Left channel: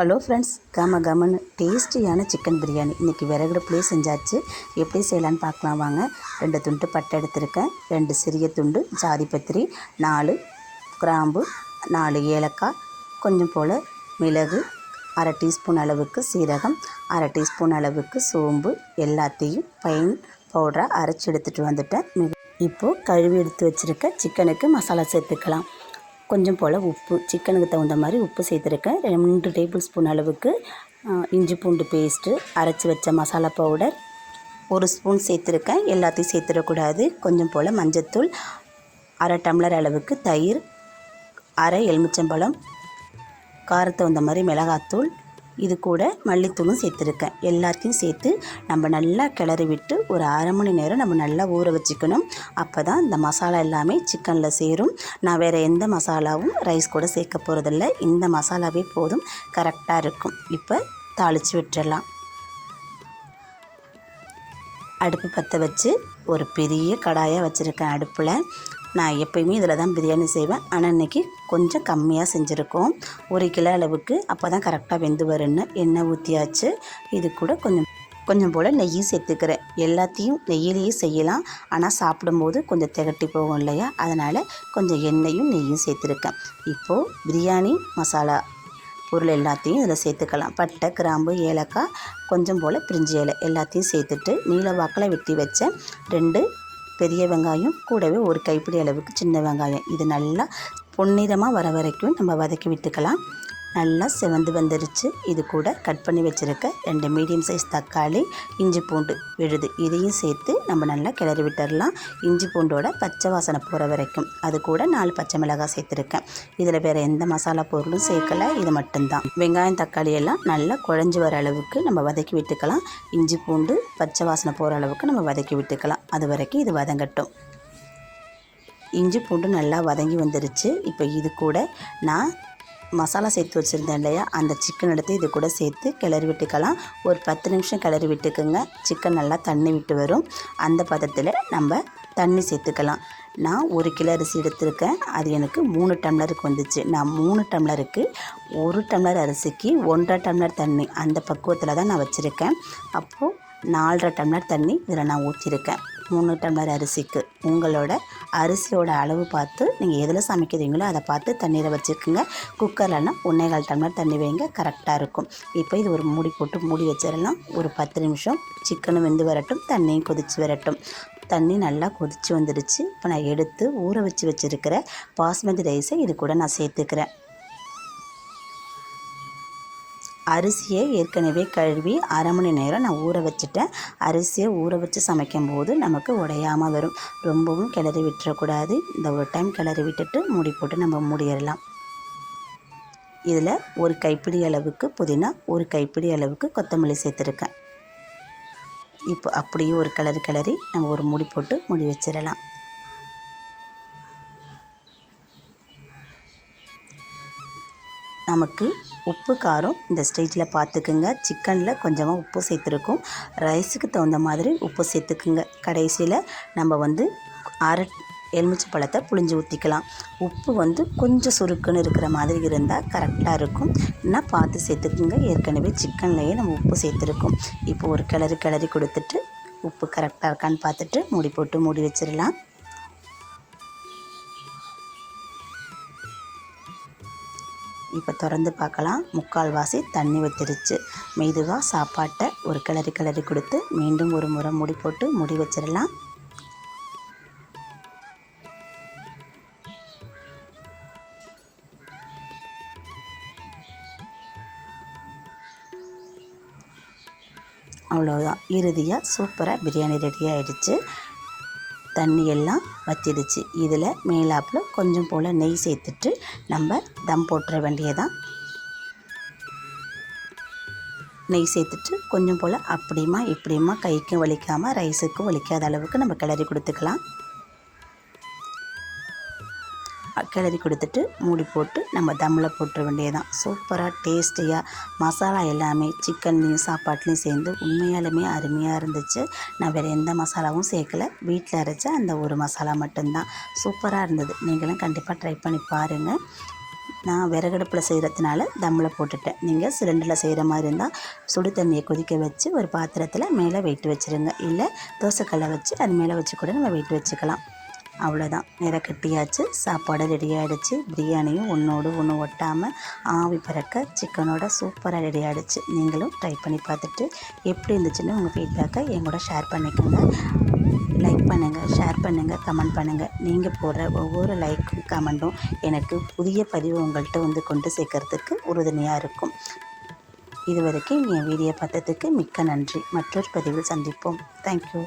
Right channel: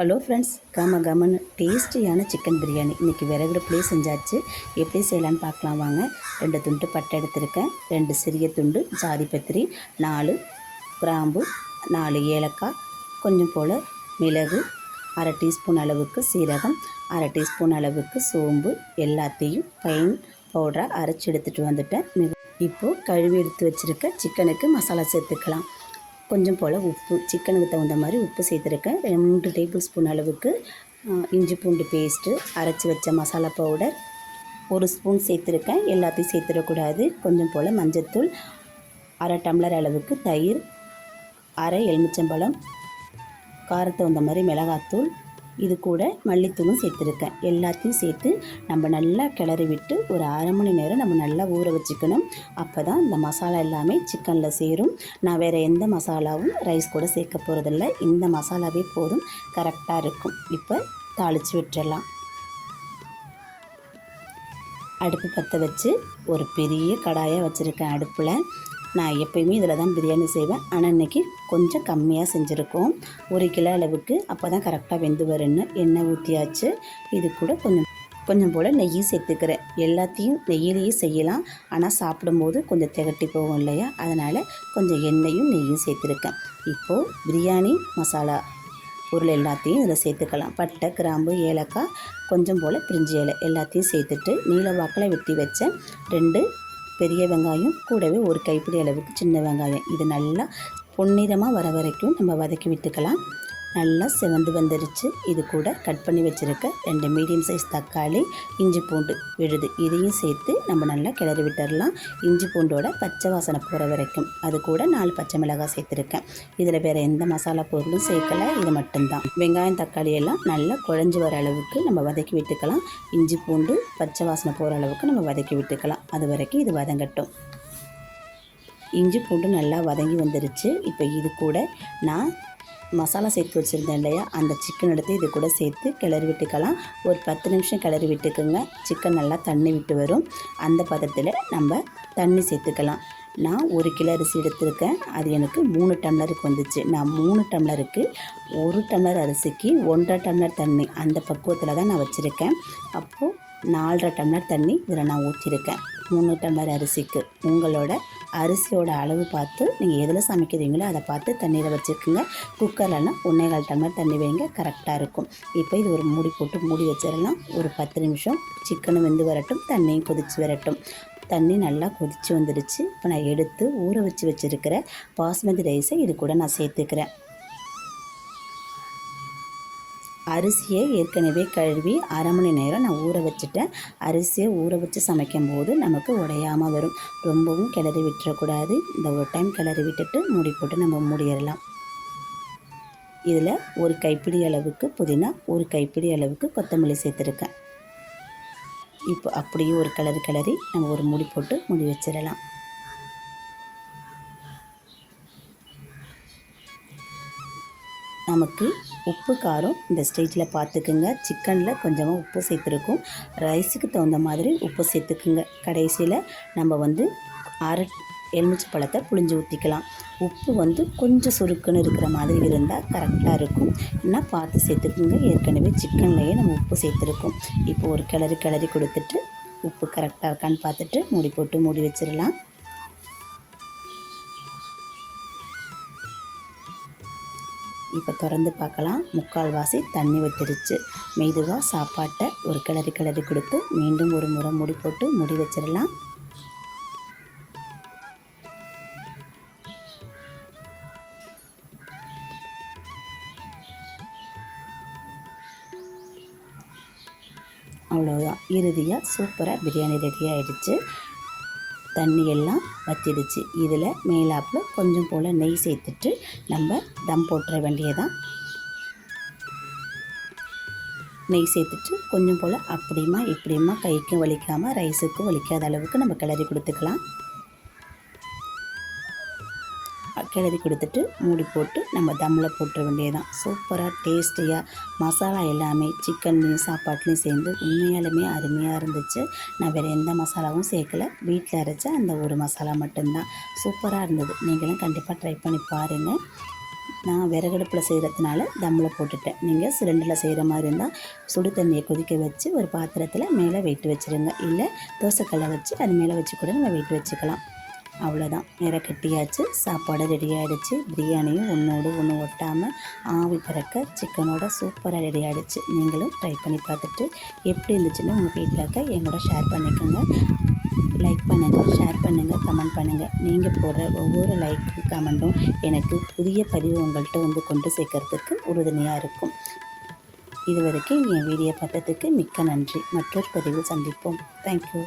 Hello friends கம கமனு டேஸ்டியான chicken biryani. இன்றைக்கி விறகுடுப்புலேயே செஞ்சாச்சு. எப்படி செய்யலான்னு பார்க்கலாம் வாங்க. ரெண்டு துண்டு பட்டை எடுத்திருக்கேன். ரெண்டு சிறிய துண்டு ஜாதிபத்திரி நாலு கிராம்பு நாலு ஏலக்காய் கொஞ்சம் போல் மிளகு அரை டீஸ்பூன் அளவுக்கு சீரகம் அரை டீஸ்பூன் அளவுக்கு சோம்பு எல்லாத்தையும் பைன் பவுடராக அரைச்சி எடுத்துகிட்டு வந்துட்டேன். இப்போது கழுவி எடுத்து வச்சுருக்க சிக்கனுக்கு மசாலா சேர்த்துக்கலாம். கொஞ்சம் போல் உப்பு சிக்கனுக்கு தகுந்த மாதிரி உப்பு சேர்த்துருக்கேன். ரெண்டு டேபிள் ஸ்பூன் அளவுக்கு இஞ்சி பூண்டு பேஸ்ட்டு அரைச்சி வச்ச மசாலா பவுடர் ஒரு ஸ்பூன் சேர்த்துருக்கேன். எல்லாத்தையும் சேர்த்துடக்கூடாது. கொஞ்சம் போல் மஞ்சத்தூள் அரை டம்ளர் அளவுக்கு தயிர் அரை எலுமிச்சம்பழம் காரத்தை வந்த மாதிரி மிளகாத்தூள் இது கூட மல்லித்தூளும் சேர்த்துருக்கேன். எல்லாத்தையும் சேர்த்து நம்ம நல்லா கிளறி விட்டு ஒரு அரை மணி நேரம் நம்ம நல்லா ஊற வச்சுக்கணும். அப்போ தான் இந்த மசாலா எல்லாமே சிக்கனில் சேரும். நான் வேறு எந்த மசாலாவும் ரைஸ் கூட சேர்க்க போகிறதில்ல இந்த மசாலாவே போதும். கரெக்டாக இருக்கும். இப்போ தாளித்து விட்டுடலாம் அடுப்பு பற்ற வச்சு ஒரு பெரிய கடாயாக வச்சுருக்கேன் அடுப்பில். நான் எப்பயுமே இதில் தான் பிரியாணி செய்வேன். ஆனால் இன்றைக்கி கொஞ்சம் கம்மியாக செஞ்சுருக்கோம். ஒரு கிலோ அளவுக்கு அப்போ தான் கரெக்டாக வெந்து வரும்னு எண்ணெய் ஊற்றியாச்சு. இது கூட கொஞ்சம் கொஞ்சம் போல் நெய்யும் சேர்த்துக்கிறேன். எல்லாத்தையும் நெய்யிலேயே செய்யலாம். ஆனால் சாப்பிடும்போது கொஞ்சம் திகட்டி போகும் இல்லையா? அதனால் கொஞ்சம் எண்ணெயும் நெய்யும் சேர்த்துருக்கேன். இப்போது பிரியாணி மசாலா பொருள் எல்லாத்தையும் இதில் சேர்த்துக்கலாம். பட்டை கிராம்பு ஏலக்காய் கொஞ்சம் போல் பிரிஞ்சி இலை எல்லாத்தையும் சேர்த்துட்டு நீல வாக்கில் வெட்டி வச்ச ரெண்டு பெரிய வெங்காயம் கூடவே ஒரு கைப்பிடி அளவுக்கு சின்ன வெங்காயம். இது நல்லா பொன்னிறமாக வர வரைக்கும் நம்ம வதக்கி விட்டுக்கலாம். நல்லா செவந்து வந்துருச்சு. இது கூட கட் பண்ணி வச்சுருக்க ரெண்டு மீடியம் சைஸ் தக்காளி இஞ்சி பூண்டு விழுது. இதையும் சேர்த்து நம்ம நல்லா கிளறி விட்டுடலாம் இஞ்சி பூண்டோட பச்சை வாசனை போகிற வரைக்கும். அது கூட நாலு பச்சை மிளகாய் சேர்த்துருக்கேன். இதில் வேறு எந்த மசாலா பொருளும் சேர்க்கல. இது மட்டும்தான். வெங்காயம் தக்காளி எல்லாம் நல்லா குழஞ்சி வர அளவுக்கு நம்ம வதக்கி விட்டுக்கலாம். இஞ்சி பூண்டு பச்சை வாசனை போகிற அளவுக்கு நம்ம வதக்கி விட்டுக்கலாம். அது வரைக்கும் இது வதங்கட்டும். இஞ்சி பூண்டு நல்லா வதங்கி வந்துருச்சு. இப்போ இது கூட நான் மசாலா சேர்த்து வச்சுருந்தேன் இல்லையா? அந்த சிக்கன் எடுத்து இது கூட சேர்த்து கிளறி விட்டுக்கலாம். ஒரு பத்து நிமிஷம் கிளறி விட்டுக்குங்க. சிக்கன் நல்லா தண்ணி விட்டு வரும். அந்த பதத்தில் நம்ம தண்ணி சேர்த்துக்கலாம். நான் ஒரு கிலோ அரிசி எடுத்திருக்கேன். அது எனக்கு மூணு டம்ளருக்கு வந்துச்சு. நான் மூணு டம்ளருக்கு ஒரு டம்ளர் அரிசிக்கு ஒன்றரை டம்ளர் தண்ணி அந்த பக்குவத்தில் தான் நான் வச்சுருக்கேன். அப்போது நாலரை டம்ளர் தண்ணி இதில் நான் ஊற்றிருக்கேன் மூணு டம்ளர் அரிசிக்கு உங்களோட அரிசியோட அளவு பார்த்து நீங்கள் எதில் சமைக்கிறீங்களோ அதை பார்த்து தண்ணீரை வச்சுக்கோங்க. குக்கர்லனா ஒன்றேகால் டம்ளர் தண்ணி வைங்க. கரெக்டாக இருக்கும். இப்போ இது ஒரு மூடி போட்டு மூடி வச்சிடலாம். ஒரு பத்து நிமிஷம் சிக்கனும் வெந்து வரட்டும். தண்ணியும் கொதிச்சு வரட்டும். தண்ணி நல்லா கொதிச்சு வந்துடுச்சு. இப்போ நான் எடுத்து ஊற வச்சு வச்சுருக்கிற பாஸ்மதி ரைஸை இது கூட நான் சேர்த்துக்கிறேன். அரிசியை ஏற்கனவே கழுவி அரை மணி நேரம் நான் ஊற வச்சுட்டேன். அரிசியை ஊற வச்சு சமைக்கும் போது நமக்கு உடையாமல் வரும். ரொம்பவும் கிளறி விட்டுறக்கூடாது. இந்த ஒரு டைம் கிளறி விட்டுட்டு மூடி போட்டு நம்ம மூடிடலாம். இதில் ஒரு கைப்பிடி அளவுக்கு புதினா ஒரு கைப்பிடி அளவுக்கு கொத்தமல்லி சேர்த்துருக்கேன். இப்போ அப்படியே ஒரு கிளறி கிளறி நம்ம ஒரு மூடி போட்டு மூடி வச்சிடலாம். நமக்கு உப்பு காரம் இந்த ஸ்டேஜில் பார்த்துக்குங்க சிக்கனில் கொஞ்சமாக உப்பு சேர்த்துருக்கோம். ரைஸுக்கு தகுந்த மாதிரி உப்பு சேர்த்துக்குங்க. கடைசியில் நம்ம வந்து அரை எலுமிச்சை பழத்தை புளிஞ்சு ஊற்றிக்கலாம் உப்பு வந்து கொஞ்சம் சுருக்குன்னு இருக்கிற மாதிரி இருந்தால் கரெக்டாக இருக்கும். என்ன பார்த்து சேர்த்துக்குங்க. ஏற்கனவே சிக்கன்லேயே நம்ம உப்பு சேர்த்துருக்கோம். இப்போ ஒரு கிளறி கிளறி கொடுத்துட்டு உப்பு கரெக்டாக இருக்கான்னு பார்த்துட்டு மூடி போட்டு மூடி வச்சிடலாம். இப்போ திறந்து பார்க்கலாம் முக்கால்வாசி தண்ணி ஊற்றிருச்சு மெதுவாக சாப்பாட்டை ஒரு கிளறி கிளறி கொடுத்து மீண்டும் ஒரு முறை முடி போட்டு முடி வச்சிடலாம். அவ்வளோதான் இறுதியாக சூப்பராக பிரியாணி ரெடி ஆகிடுச்சு தண்ணி எல்லாம் வத்திடுச்சு இதில் மேலாப்பில் கொஞ்சம் போல் நெய் சேர்த்துட்டு நம்ம தம் போட்டுற வேண்டியதான் நெய் சேர்த்துட்டு கொஞ்சம் போல் அப்படியுமா இப்படியுமா கைக்கும் வலிக்காமல் ரைஸுக்கும் வலிக்காத அளவுக்கு நம்ம கிளறி கொடுத்துக்கலாம். கிளறி கொடுத்துட்டு மூடி போட்டு நம்ம தம்மில் போட்டுற வேண்டியதான் சூப்பராக டேஸ்டியாக மசாலா எல்லாமே சிக்கன்லேயும் சாப்பாட்லேயும் சேர்ந்து உண்மையாலுமே அருமையாக இருந்துச்சு. நான் வேறு எந்த மசாலாவும் சேர்க்கல. வீட்டில் அரைச்ச அந்த ஒரு மசாலா மட்டும்தான். சூப்பராக இருந்தது. நீங்களும் கண்டிப்பாக ட்ரை பண்ணி பாருங்கள் நான் விறகடுப்பில் செய்கிறதுனால தம்மில் போட்டுட்டேன். நீங்கள் சிலிண்டரில் செய்கிற மாதிரி இருந்தால் சுடு தண்ணியை கொதிக்க வச்சு ஒரு பாத்திரத்தில் மேலே வெயிட் வச்சுருங்க. இல்லை தோசைக்கல்லை வச்சு அது மேலே வச்சு கூட நம்ம வெயிட் வச்சுக்கலாம். அவ்வளோதான் நிற கட்டியாச்சு சாப்பாடு ரெடி ஆகிடுச்சு பிரியாணியும் ஒன்றோடு ஒன்று ஒட்டாமல் ஆவி பிறக்க சிக்கனோட சூப்பராக ரெடி ஆகிடுச்சு நீங்களும் ட்ரை பண்ணி பார்த்துட்டு எப்படி இருந்துச்சுன்னு உங்கள் ஃபீட்பேக்கை எங்களோட ஷேர் பண்ணிக்கோங்க. லைக் பண்ணுங்கள் ஷேர் பண்ணுங்கள் கமெண்ட் பண்ணுங்கள் நீங்கள் போடுற ஒவ்வொரு லைக்கும் கமெண்ட்டும் எனக்கு புதிய பதிவு உங்கள்கிட்ட வந்து கொண்டு சேர்க்கறதுக்கு உறுதுணையாக இருக்கும். இது வரைக்கும் என் வீடியோ பார்த்ததுக்கு மிக்க நன்றி. மற்றொரு பதிவில் சந்திப்போம். தேங்க்யூ